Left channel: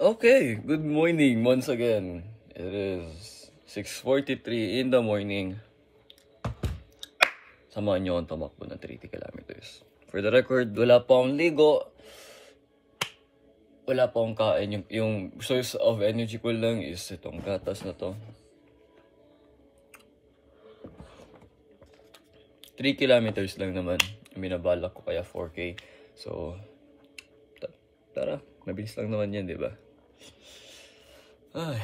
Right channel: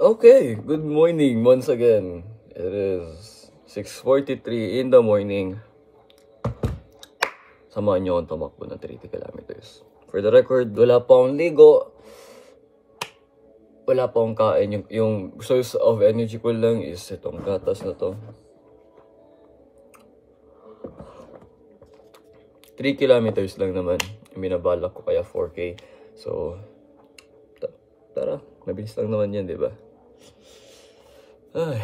Okay, good morning once again. It is 6:43 in the morning. Samahan niyo akong tumakbo ng 30 kilometers. For the record, wala pa akong ligo. Wala pa akong kain. Yung source of energy ko lang is itong gatas na to. 3 kilometers lang naman. Minabalak ko kaya 4K. So, tara. Mabilis lang naman yan, di ba? Ay.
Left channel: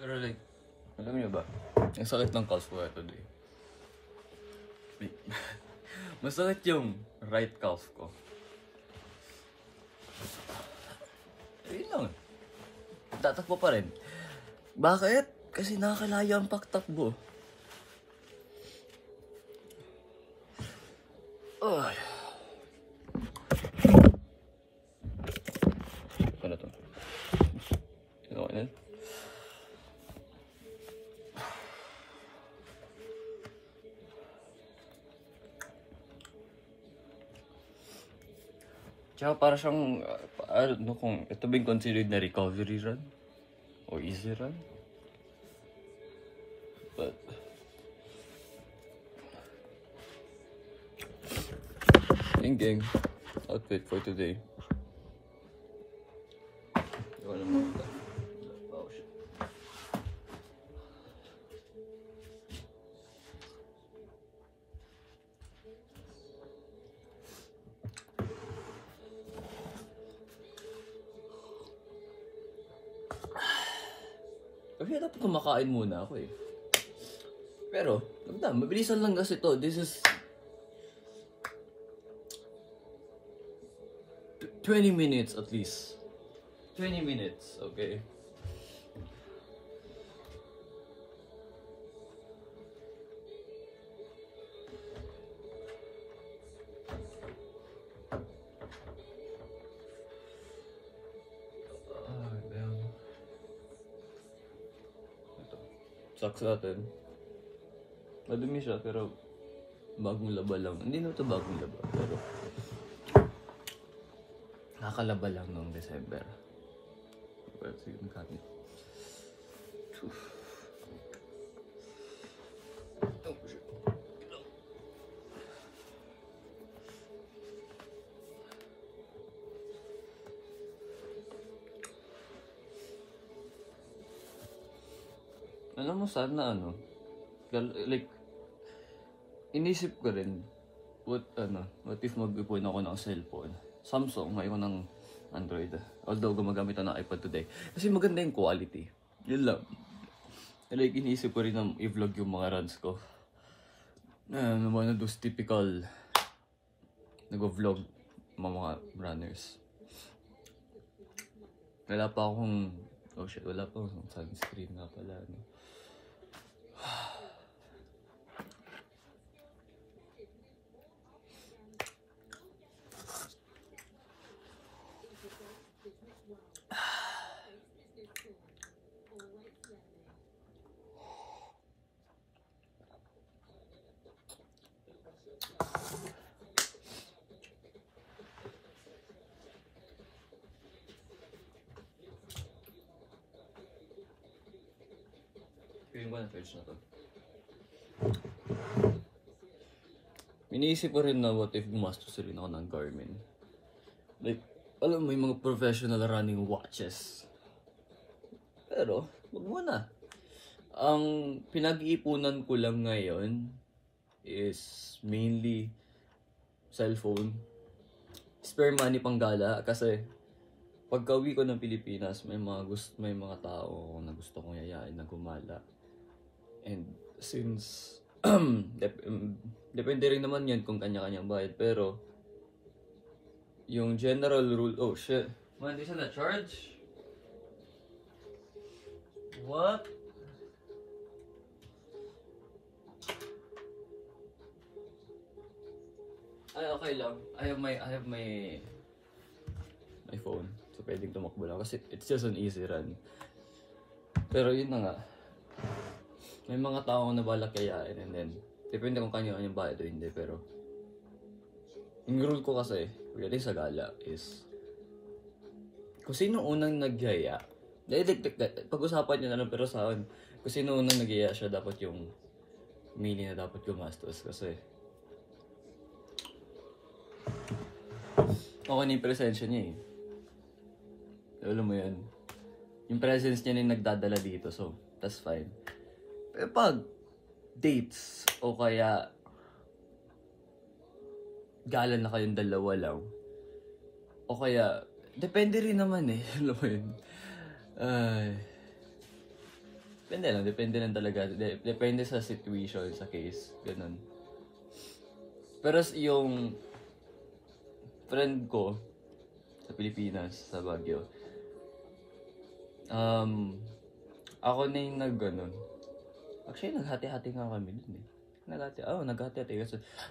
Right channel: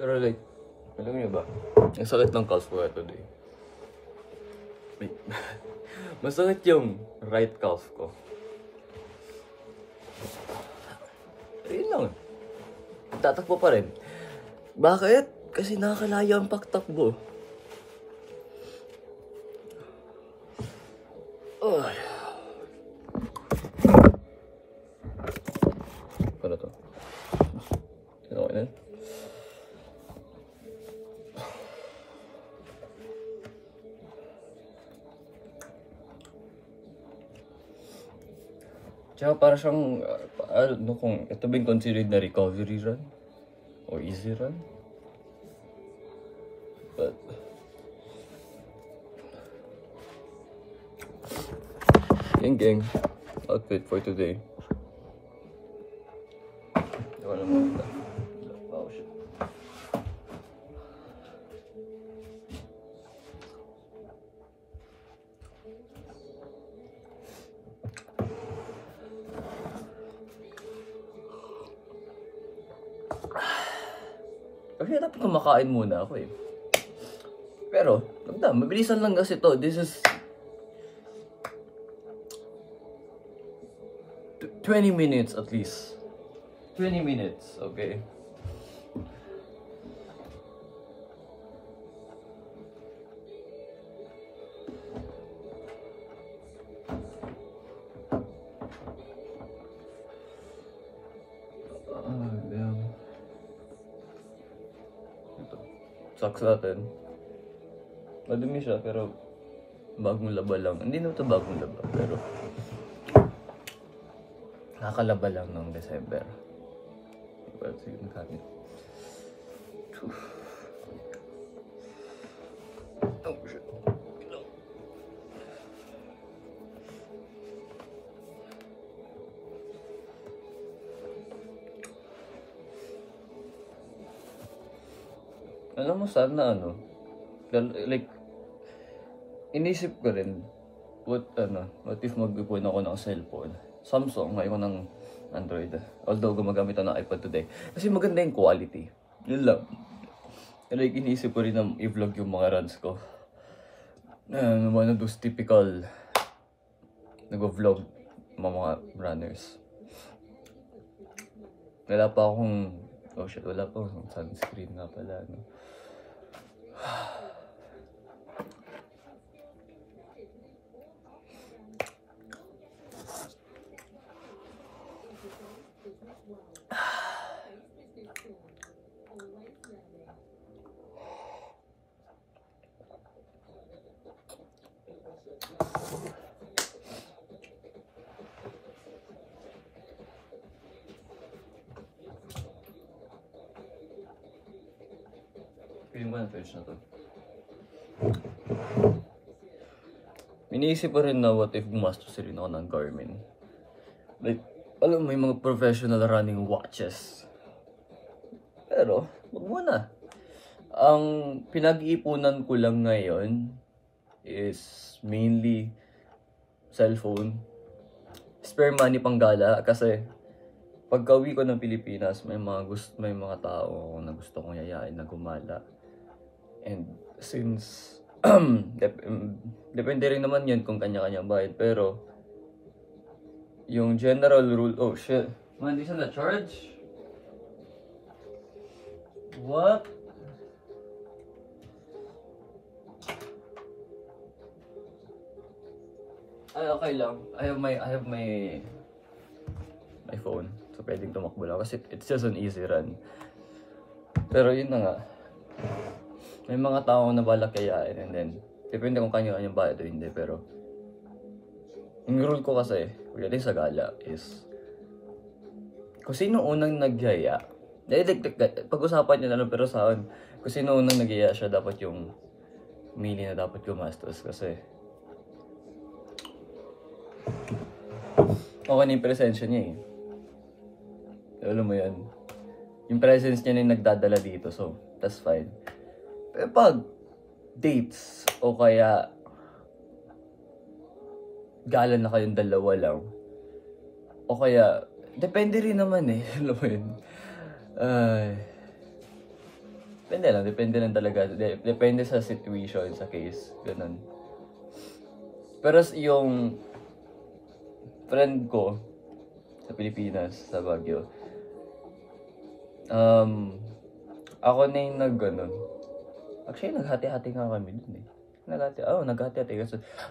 Pero like, alam niyo ba? Ang sakit ng calf ko today. Masakit yung right calf ko. Ayun lang. Tatakbo pa rin. Bakit? Kasi nakakalaya ang pagtakbo. Ay. Ano to? Sino ka na? Tsaka para siyang, ano kung ito ba yung considered na recovery run? O easy run? But, yung gang, outfit for today. Wala naman ito. Oh shit. Kasi dapat kumakain muna ako eh. Pero, mabilisan lang kasi to. This is 20 minutes at least. 20 minutes, okay? Socks natin. Madumi siya pero bagong laba lang. Hindi na ito bagong laba pero nakakalaba lang noong December. Let's see yung kanin. Oh shit. Alam mo sana like inisip ko rin what if mag-ipon ako ng cellphone, Samsung, ngayon ng Android, although gumagamit ako ng iPad today kasi maganda yung quality, yun lang. Like inisip ko rin na i-vlog yung mga runs ko, one of those typical nag-vlog mga runners. Wala pa akong wala pa akong sunscreen nga pala, no? Piling ko na page na to. Iniisip pa rin na what if gumastos rin ako ng Garmin. Like, alam mo yung mga professional running watches. Pero, wag muna. Ang pinag-iipunan ko lang ngayon is mainly cellphone, spare money pang gala kasi pagka-uwi ko ng Pilipinas, may mga tao na gusto kong yayain na gumala. And since depende rin naman yun kung kanya-kanya bayad, pero yung general rule, oh shit. Man, di na charge? What? Ay, okay lang. I have my phone. So pwedeng tumakbo lang kasi it's just an easy run. Pero yun na nga. May mga tao na balak kayain and then depende kung kanyo-kanyang bayad o hindi, pero yung rule ko kasi, really sa gala is kung sino unang nagyaya, pag-usapan nyo na lang, pero sa akin, kung sino unang nagyaya siya, dapat yung mili na dapat gumastos kasi okay na yung presensya niya eh. Alam mo yan. Yung presence niya na yung nagdadala dito, so that's fine. Pero pag dates o kaya gala na kayong dalawa lang, o kaya depende rin naman eh. Alam mo yun. Depende lang talaga. Depende sa situation, sa case. Ganun. Pero yung friend ko sa Pilipinas, sa Baguio, ako na yung nag-ganon. Actually, naghati-hati nga kami dun eh. Naghati-hati.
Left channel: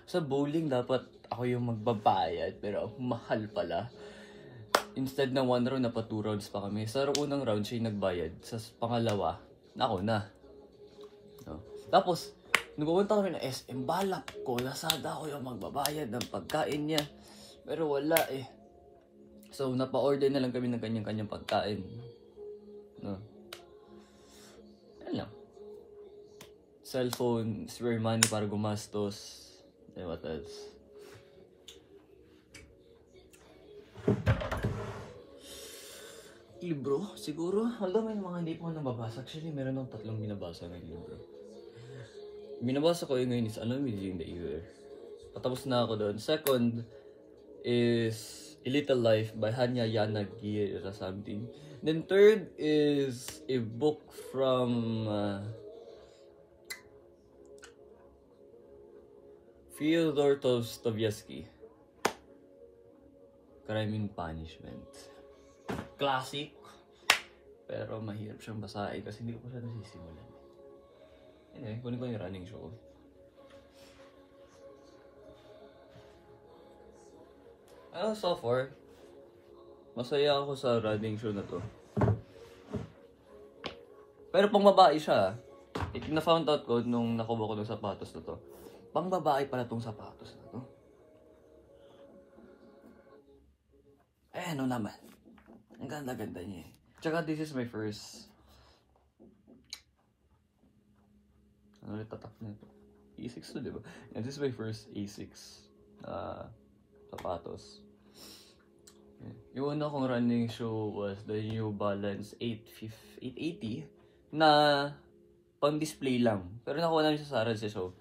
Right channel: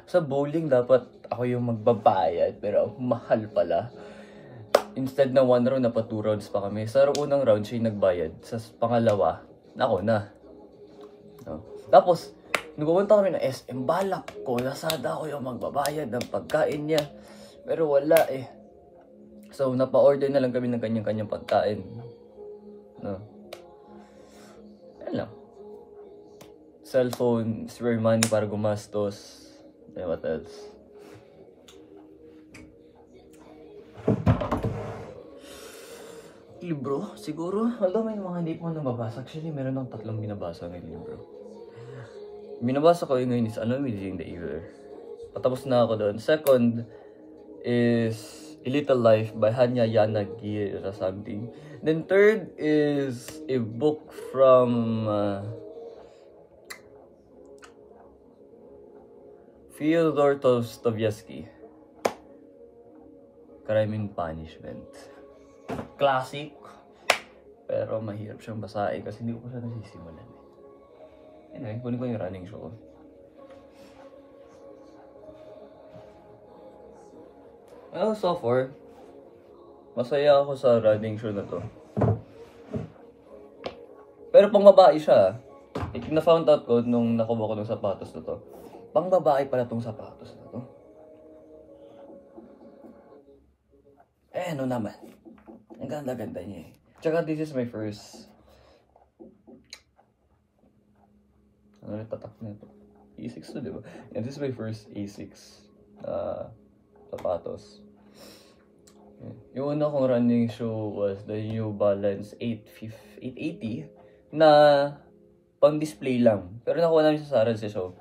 Sa bowling, dapat ako yung magbabayad, pero mahal pala. Instead na 1 round, napa 2 rounds pa kami. Sa unang round, siya yung nagbayad. Sa pangalawa, ako na. No? Tapos, nung pumunta kami ng SM, balak ko, Lazada ako yung magbabayad ng pagkain niya. Pero wala eh. So, napa-order na lang kami ng kanyang-kanyang pagkain. No? Yan lang. Cellphone, spare money para gumastos. What else? Libro, siguro. Although may mga hindi po nababasa. Actually, meron ng 3 binabasa ng libro. Binabasa ko yung ngayon is Anomaly in the Ether. Patapos na ako doon. Second is A Little Life by Hanya Yanagi or something. Then third is a book from Fyodor Dostoevsky, Crime and Punishment. Classic, pero mahirap siyang basahin kasi hindi ko pa siya nasisimulan. Anyway, kunin ko yung running show. So far, masaya ako sa running show na to. Pero pang babae siya. Na-found out ko nung nakuha ko ng sapatos na to. Pang babae pala tong sapatos na to. Ano naman. Ang ganda-ganda niya eh. Tsaka this is my first... Ano yung tatak nito? A6 to, diba? And this is my first A6 sapatos. Yung una kong running shoe was the New Balance 880 na pang display lang. Pero nakuha namin sa Sarad sa show.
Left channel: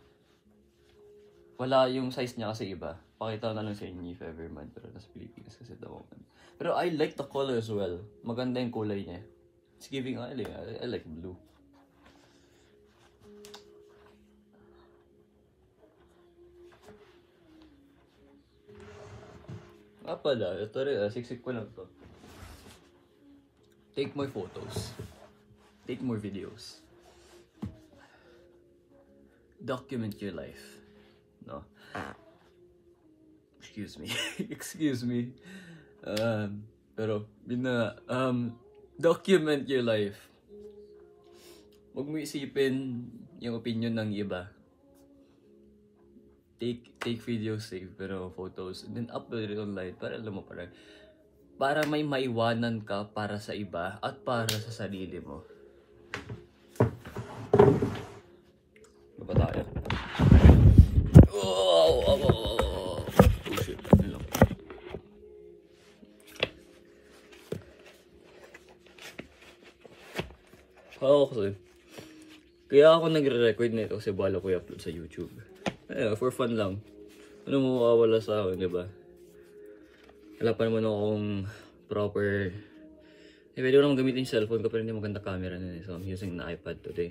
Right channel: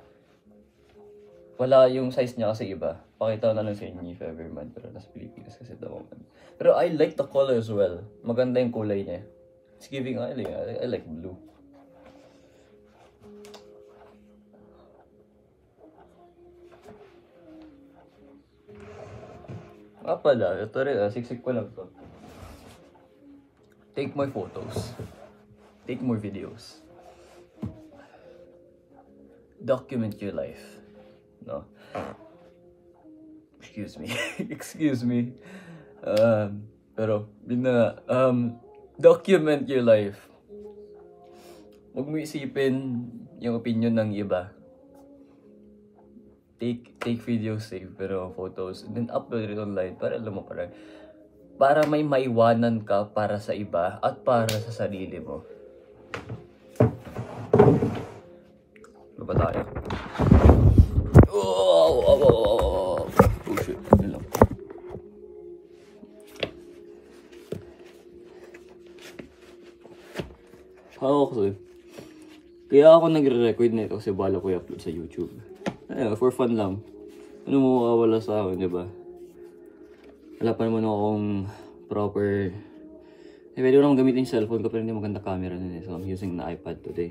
Wala yung size niya kasi iba. Pakita ko na lang sa inyo if ever man. Pero nasa Pilipinas kasi the moment. Pero I like the color as well. Maganda yung kulay niya. It's giving, I like blue. Pala, ito rin, siksik ko lang to. Take more photos. Take more videos. Document your life. No? Excuse me. Excuse me. Pero, yun na, document your life. Huwag mo isipin yung opinion ng iba. Take videos, save, pero photos, and then upload it online para alam mo para may maiwanan ka para sa iba at para sa sarili mo. Ano ba tayo? Oh shit, yun lang. Kaya ako nagre-record na ito kasi bala ko i-upload sa YouTube. For fun lang. Ano mo mawawala sa akin, diba? Wala pa naman akong proper... pwede ko naman gamitin yung cellphone ko pero hindi maganda camera nun eh. So I'm using the iPad today.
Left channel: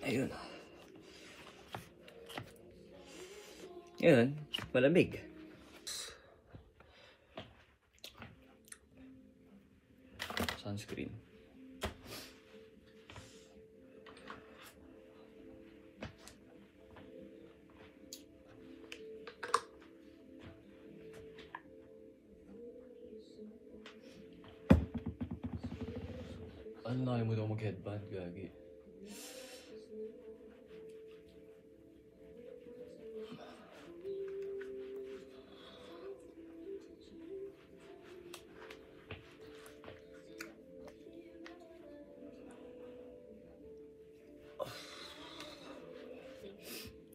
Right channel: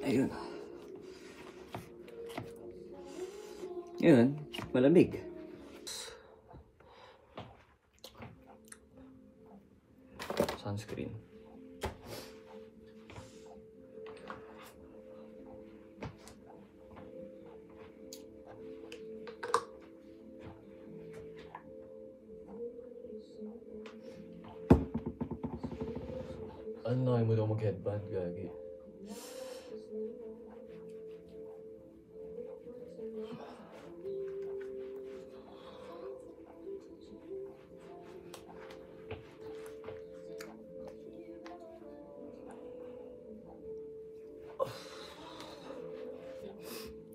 Ayun. Yun, malamig. Sunscreen. Ano na mo daw mag-headband, gagi.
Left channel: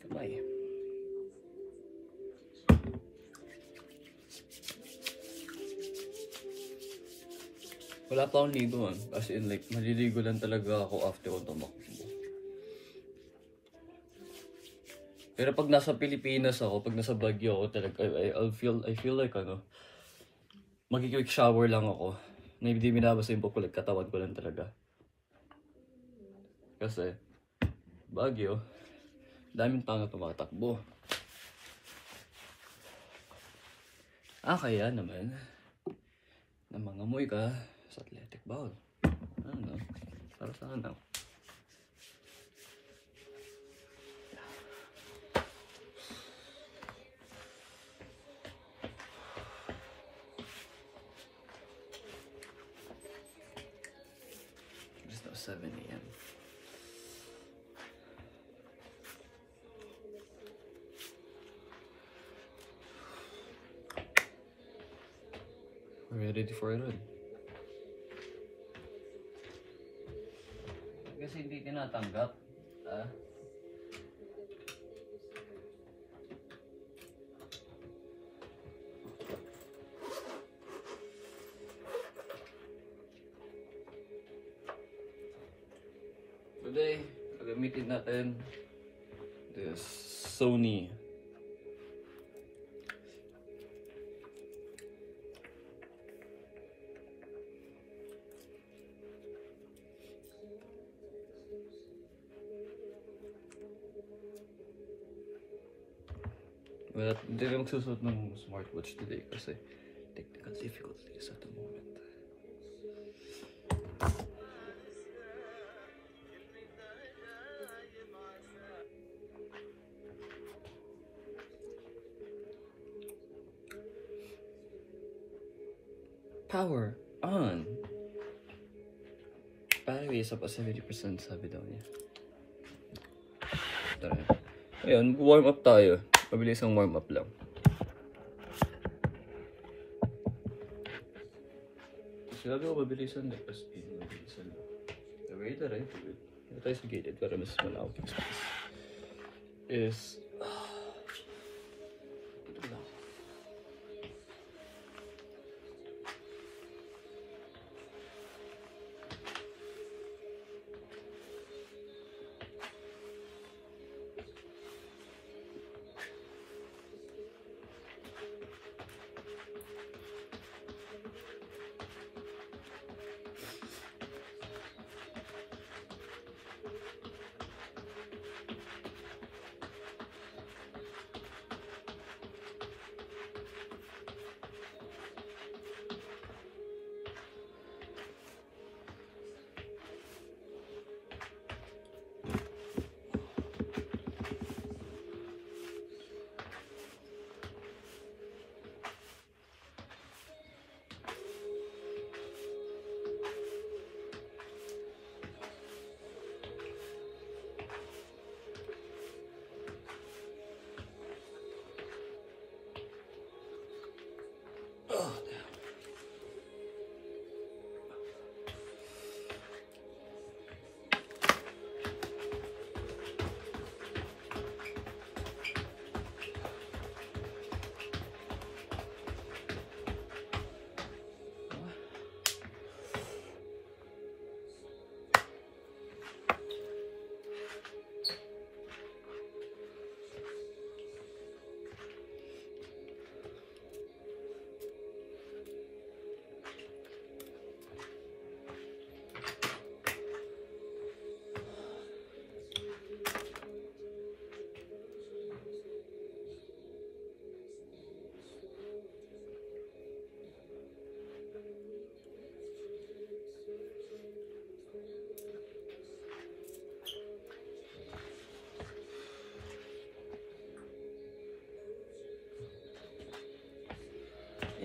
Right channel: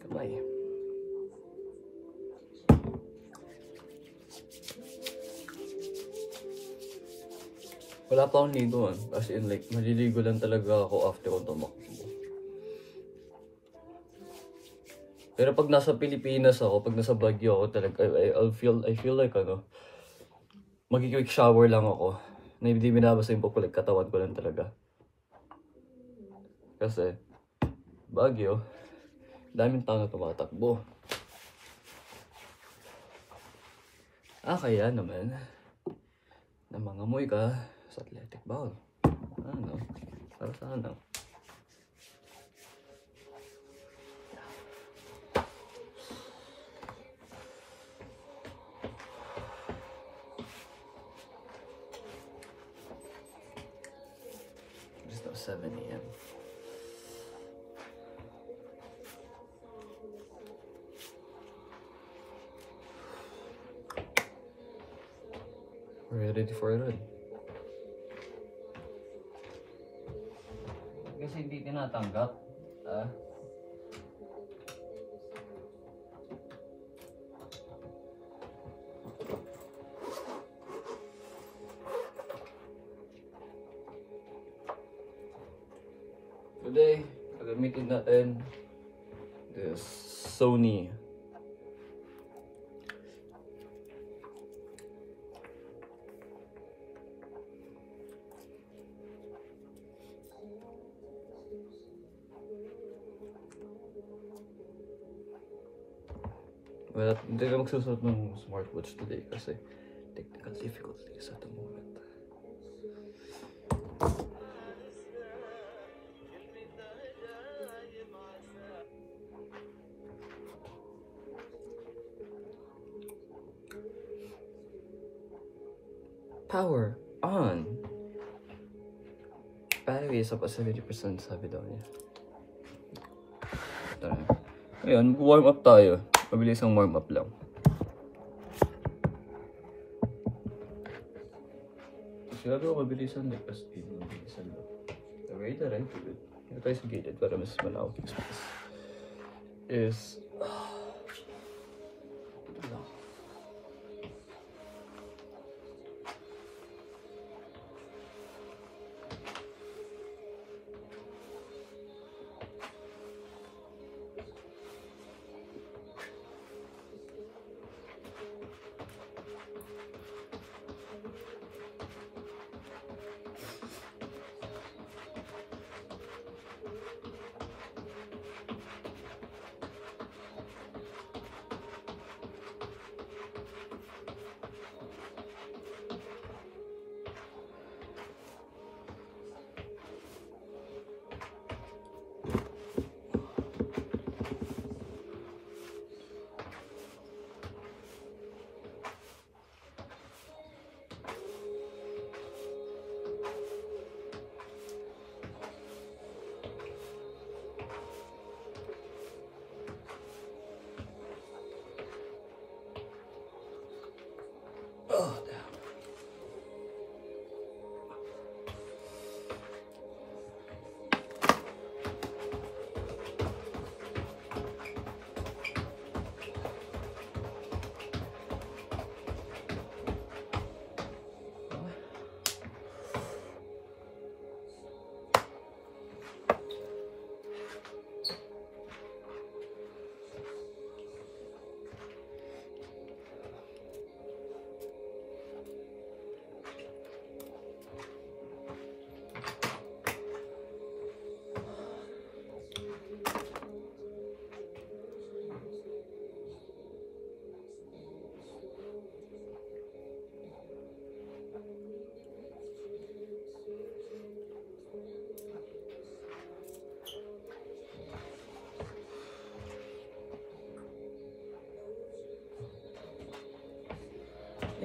Kamay. Wala pa akong ligo man. As in like, maliligo lang talaga ako after kong tumakbo. Pero pag nasa Pilipinas ako, pag nasa Baguio ako talaga, I feel like ano, mag-quick shower lang ako. Na hindi binabasa yung pupulag katawan ko lang talaga. Kasi, Baguio, daming tao na tumatakbo. Kaya naman, na mangamoy ka sa athletic bowl. Ano? Para sa ano? Just now 7 AM. We're ready for it on. Kasi hindi tinatanggap. Today, gagamitin natin this Sony well, hindi na magsusuot ng smartwatch today kasi technical difficulties at the moment. Power on! Battery is up at 70% sabi daw niya. Tara. Ayun, warm up tayo. Mabilis ang warm up lang. Sinabi ko mabilisan na pas in. Mabilisan lang. The way that I do it. Kaya tayo sa gated para mas malawak yung space. Is... ito lang.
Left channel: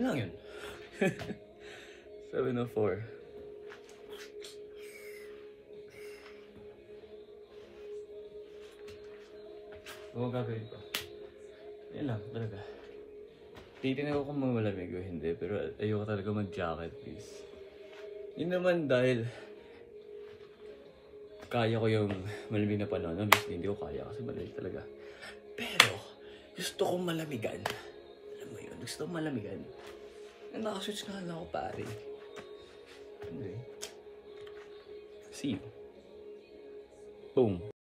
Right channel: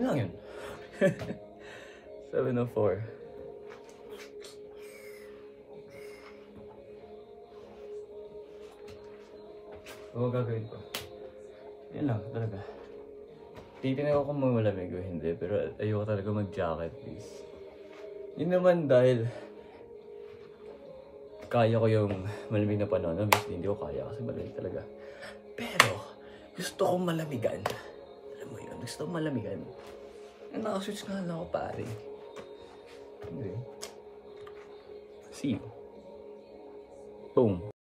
Yun lang yun. 7:04. Oo, gagawin ko. Yan lang, talaga. Titignan ko kung malamig o hindi, pero ayoko talaga mag-jacket, please. Yun naman dahil kaya ko yung malamig na panahon. Obviously, hindi ko kaya kasi malamig talaga. Pero, gusto kong malamigan. Alam mo yun, gusto kong malamigan. Eh, nakaswitch nga lang ako, pare. Hindi. See you. Boom.